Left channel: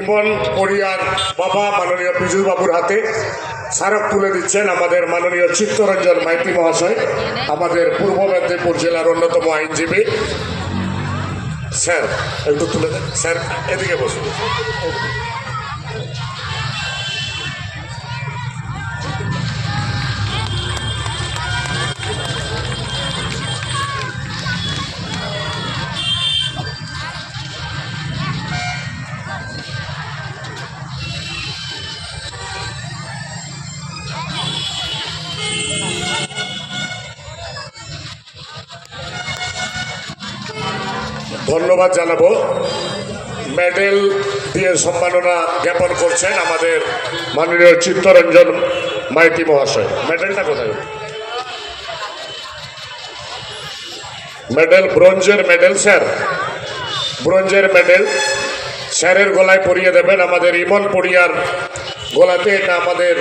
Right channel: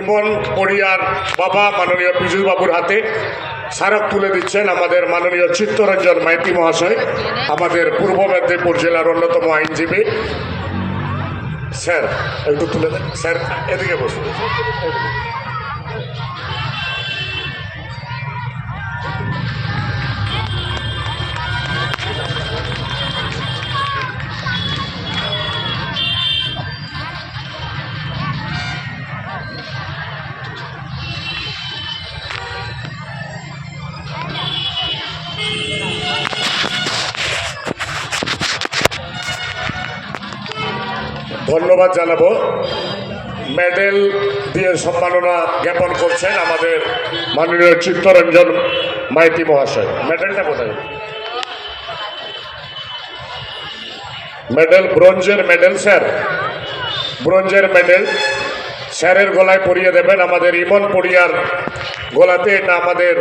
ইমন পড়িয়ার বাবা মাননীয় পীযূষ বাবুর হাতে স্মারক তুলে দিচ্ছেন আমাদের মাননীয় চিত্তরঞ্জন মাইতি মহাশয়, আমাদের পূর্ব মেদিনীপুর জেলার অন্যতম আইনজীবী। স্যার একটু তুলে দেন স্যার, এদিকে বসুন। ধন্যবাদ জানাবো। মেডেল দিয়ে সম্মাননা জ্ঞাপন করছেন আমাদের মাননীয় চিত্তরঞ্জন মাইতি মহাশয়। মেডেলটা কোথায়? মেডেল ব্রোঞ্জের মেডেল স্যার, ব্রোঞ্জের মেডেল স্যারের গলায় পরিয়ে দেবেন। আমাদের ইমন পড়িয়ার গলাতে এটা আমাদের